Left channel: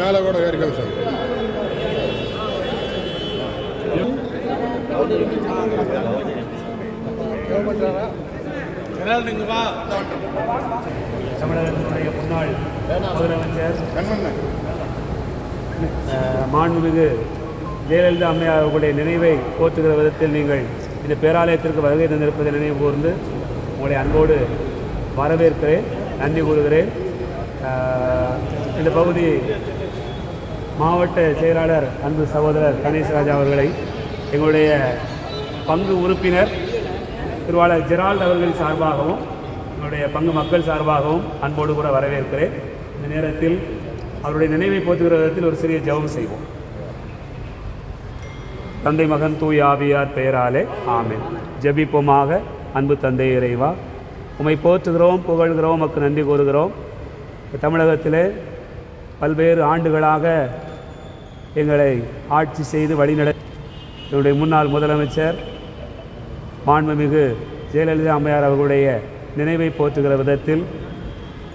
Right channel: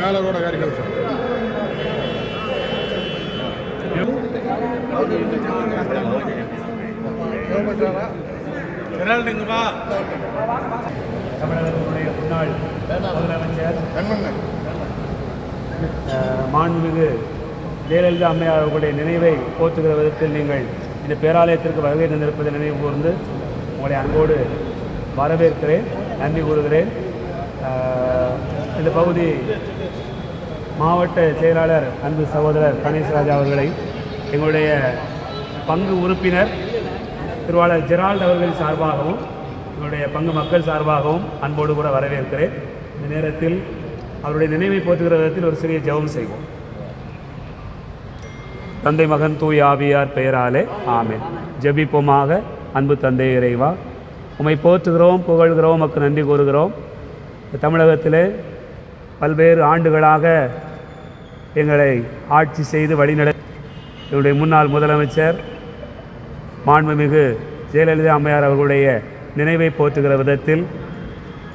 மேலே கூட வேறு கழிச்சு தமிழகத்தினுடைய முன்னாள் முதலமைச்சர் மாண்புமிகு ஜெயலலிதா அம்மையார் அவர்களுடைய நினைவை போற்றுகிற விதத்தில் நீங்கள் இந்த பேராலயத்திற்கு வருகை தந்திருப்பதை நினைவு கூர்ந்து உங்களை அன்போடு வரவேற்கிறேன், நன்றி கூறுகிறேன். இந்த பகுதி மாவட்ட செயலாளர் அன்பு சகோதரர் கணேசராஜா அவர்களை எங்களுடைய பங்கு உறுப்பினர் திருவாளர் ஜெரால்ட் அவர்கள் சார்பாகவும் என்னுடைய பங்கு மக்கள் சார்பாகவும் அன்போடு கூட வரவேற்கிறேன். இந்த நேரத்தில் அவருடைய நினைவை போற்றுகிற விதத்தில் ஒரு சிறிய ஜெபம் செய்வோம். தந்தை மகன் தூய் ஆவியார் பெயராலே ஆமென். ஜெபிப்போமாக. அன்பு தந்தை இறைவா, உம்மை போற்றுகிறோம், புகழ்கிறோம், உமக்கு நன்றி கூறுகிறோம். தமிழகத்திலே பல்வேறு ஆண்டுகளாக எங்களை ஆட்சி செய்து வழிநட என்னுடைய முன்னாள் முதலமைச்சர் மாண்புமிகு ஜெயலலிதா அம்மையார் அவர்களுடைய நினைவை போற்றுகிற விதத்தில்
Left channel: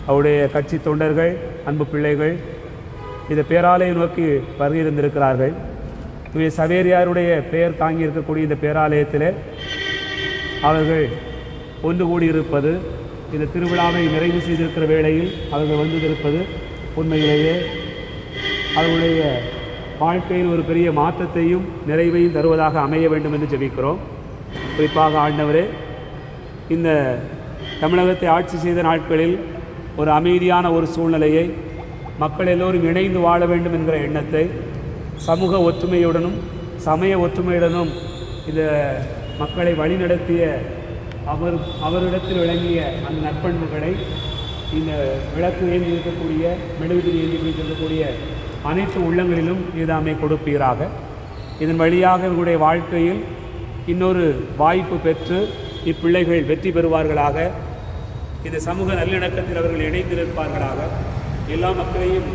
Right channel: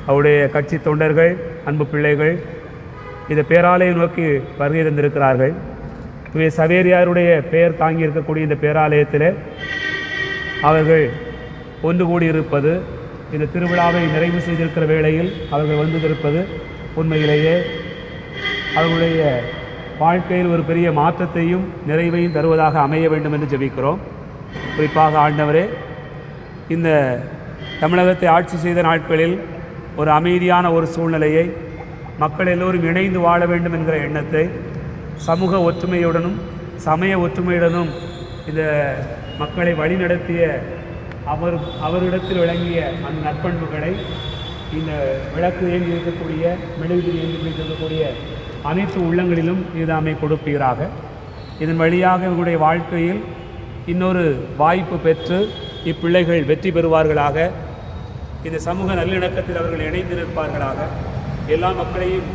அவருடைய கட்சி தொண்டர்கள், அன்பு பிள்ளைகள் இந்த பேராலயம் நோக்கி வருகை தந்திருக்கிறார்கள். தூய சவேரியாருடைய பெயர் தாங்கி இருக்கக்கூடிய இந்த பேராலயத்தில் அவர்கள் ஒன்று கூடியிருப்பது, இந்த திருவிழாவை நிறைவு செய்திருக்கிற வேளையில் அவர்கள் வந்திருப்பது உண்மையிலேயே அவர்களுடைய வாழ்க்கையில் ஒரு பெரிய மாற்றத்தையும் நிறைவையும் தருவதாக அமைய வேண்டும் என்று ஜெபிக்கிறோம். குறிப்பாக ஆண்டவரே, இந்த தமிழகத்தை ஆட்சி செய்த நாட்களில் ஒரு அமைதியான ஒரு சூழ்நிலையை, மக்கள் எல்லோரும் இணைந்து வாழ வேண்டும் என்கிற எண்ணத்தை, சமூக ஒற்றுமையுடனும் சமய ஒற்றுமையுடனும் இந்த மக்களை வழிநடத்திய அவரிடத்தில் விளங்கிய அந்த நற்பண்புகளை இந்த விளக்கு ஏந்தி இருக்கக்கூடிய, மெழுகுதிரி ஏந்தி பிடித்திருக்கக்கூடிய அனைத்து உள்ளங்களிலும் இதுதாமே கொடுப்பீராக. இதன் வழியாக இவர்களுடைய வாழ்க்கையில் இன்னொரு வாய்ப்பு பெற்று இப்பிள்ளைகள் வெற்றி பெறுவார்களாக. இந்த சமூக நல்லிணக்கத்தில் அவர்கள் இணைந்திருப்பார்களாக. எல்லா மக்களையும்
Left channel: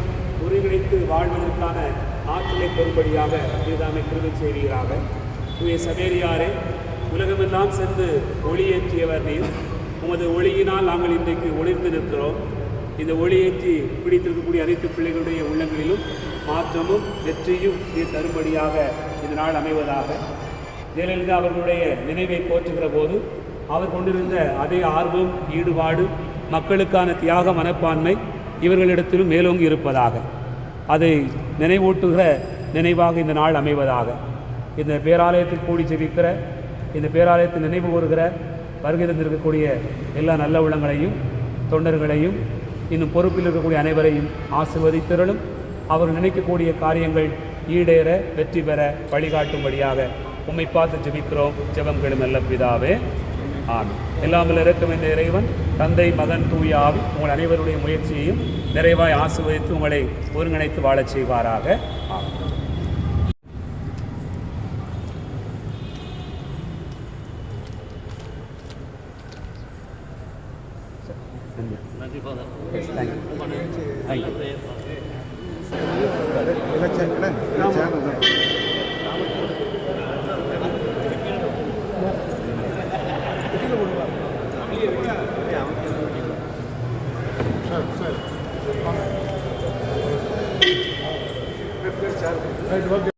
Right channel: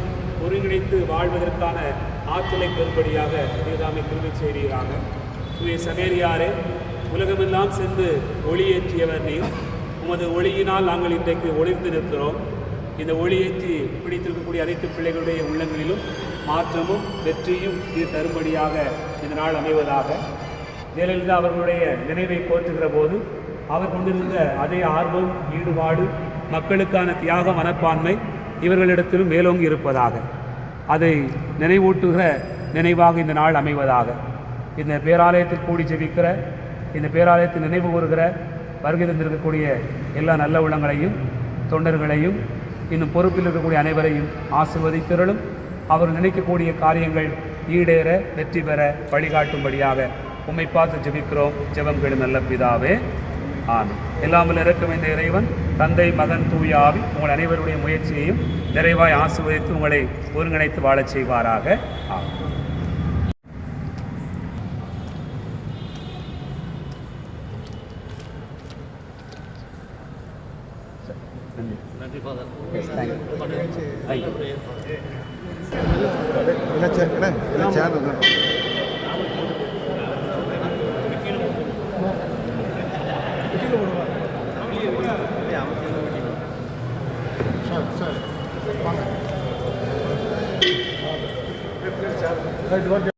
ஒருங்கிணைத்து வாழ்வதற்கான ஆற்றலை பெறும்படியாக இதுதாமே கிருபை செய்வீராக. தூய சவேரியாரே, உலகமெல்லாம் சென்று ஒளியேற்றியவர் நீர். உமது ஒளியினால் நாங்கள் இன்றைக்கு ஒளிர்ந்து நிற்கிறோம். இந்த ஒளியேற்றி பிடித்திருக்கக்கூடிய அனைத்து பிள்ளைகளுடைய உள்ளங்களிலும் மாற்றமும் வெற்றியும் நீர் தரும்படியாக இந்த நாள் அமைவதாக. ஜெயலலிதா அவர்களுடைய நினைவை போற்றுகிற போது அவர் கொண்டிருந்த அதே ஆர்வம், ஈடுபாடு, மக்களுக்கான தியாக மனப்பான்மை இவர்களிடத்திலும் மேலோங்கி இருப்பதாக, அதை நினைவூட்டுகிற நினைவாக இந்த நாள் அமைவதாக. இந்த பேராலயத்தில் கூடி ஜெபிக்கிற, இந்த பேராலயத்தில் நினைவு கூறுகிற வருகை தந்திருக்கக்கூடிய எல்லா நல்ல உள்ளங்களையும் தொண்டர்களையும் இன்னும் பொறுப்பில் இருக்கக்கூடிய அனைவரையும் ஆசீர்வதிக்கிறளும். அவர் நினைக்கக்கூடிய காரியங்கள் ஈடேற வெற்றி பெற வழிகாட்டும்படியாக உம்மை பார்த்து ஜெபிக்கிறோம். ஜெபம் கேளும் நல்ல பிதாவே, ஆமென். எல்லாமல் இருக்கும் இந்த இறைவன் தந்தை, மகன், தூய ஆவி உங்கள் அனைவருடைய முயற்சியையும் நிறைவாய் ஆசீர்வதித்து உங்களை ஒருங்கிணைத்து வாழச் செய்வாராக. ஆமென். நன்றி ஃபாதர்.